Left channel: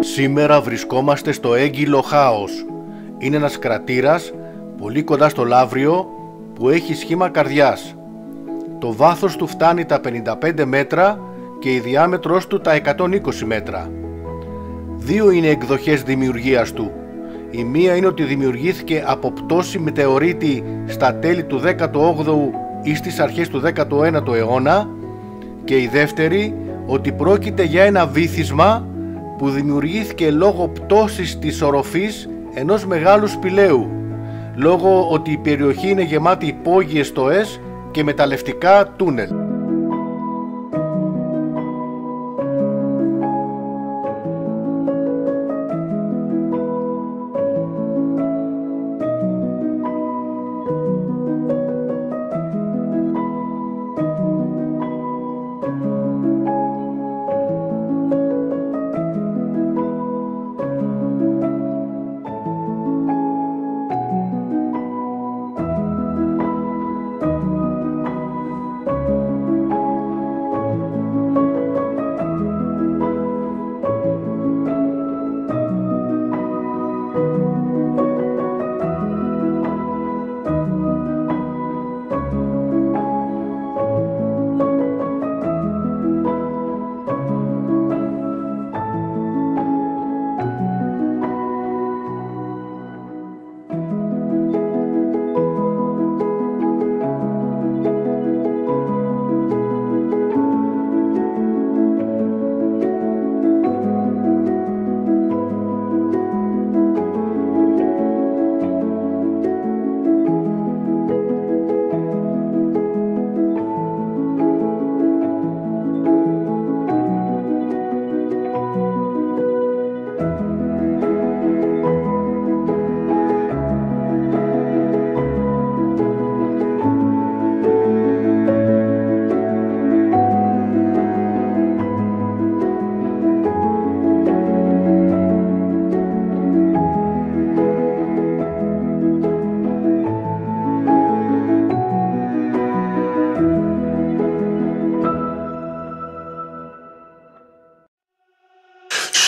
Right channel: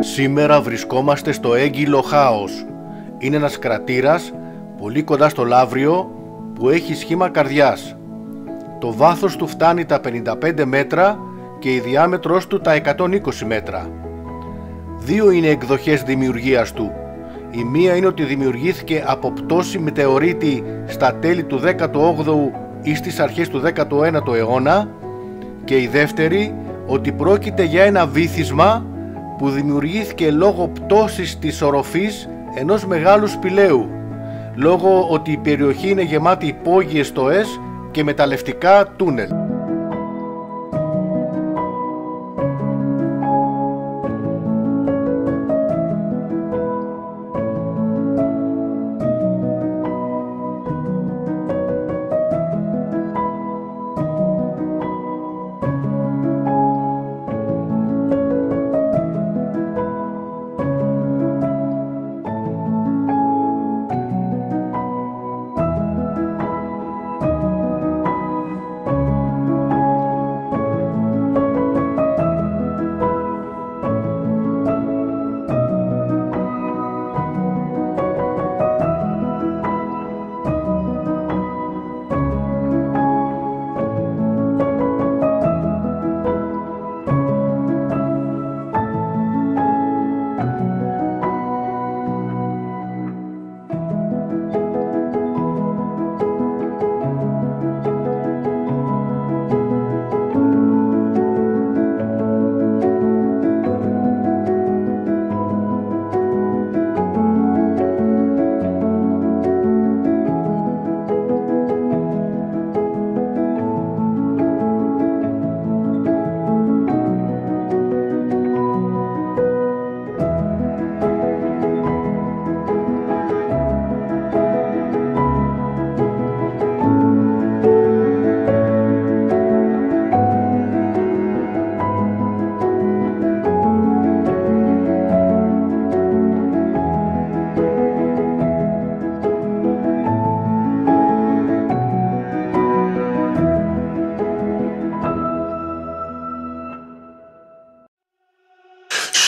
Σήμερα βρισκόμαστε στο Έγκυλο Χάος. Είναι ένας κρατήρας πολύ κοντά στο Λαύριο που έχει σχήμα καρδιάς. Το βάθος του φτάνει τα 55 μέτρα και η διάμετρος του τα 120 μέτρα. Δύο είναι εκδοχές δημιουργίας του. Η μία είναι ότι δημιουργήθηκε από πτώση μετεωρίτη στα τέλη του 18ου ή στις αρχές του 19ου αιώνα, και η δεύτερη ότι πρόκειται για ένα βύθισμα που δημιουργήθηκε λόγω πτώσης της οροφής ενός μεγάλου σπηλαίου, λόγω ότι η περιοχή είναι γεμάτη υπόγειες στοές και μεταλλευτικά τούνελ.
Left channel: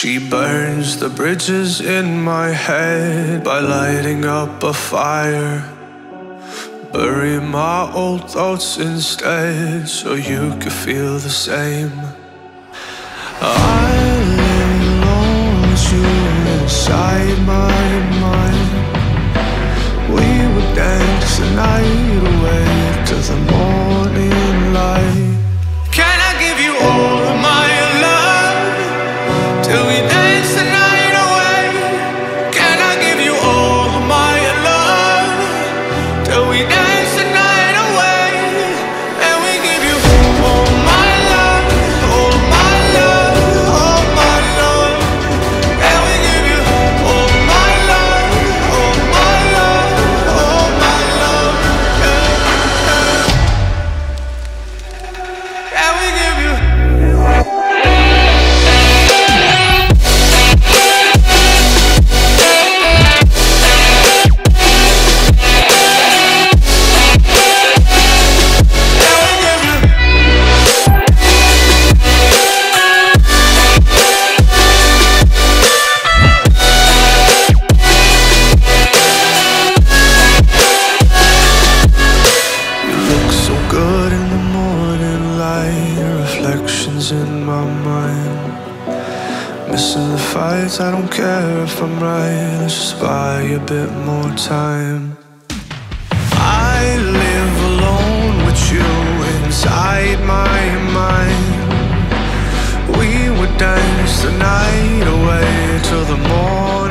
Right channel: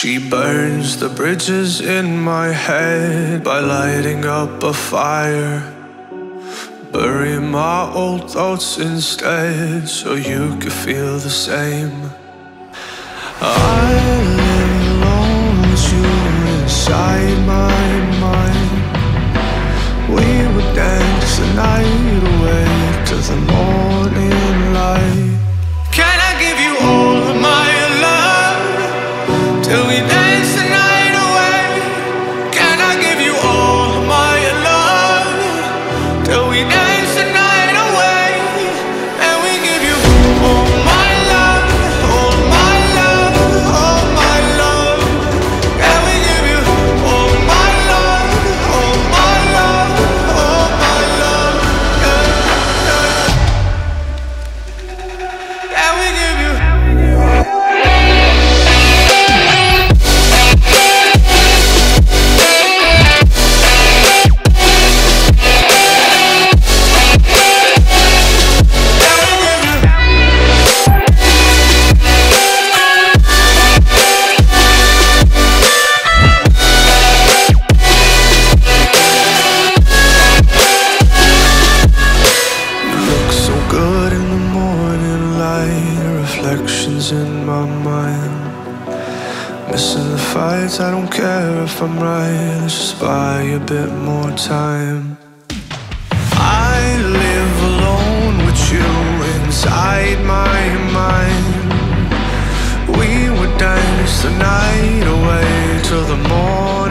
She burns the bridges in my head by lighting up a fire. Bury my old thoughts instead so you could feel the same. I lay alone with you inside my mind. We would dance the night away to the morning light. Can I give you all of my love till we dance the night away? Can I give you all of my love till we dance the night away? And we give you all my love, all my love, all my love. Can we give you all my love, all my love, all my love? Yeah, yeah. Can we give you in my mind? Missing the fights, I don't care if I'm right. Let's just buy a bit more time. I live alone with you inside my mind. We would dance the night away till the morning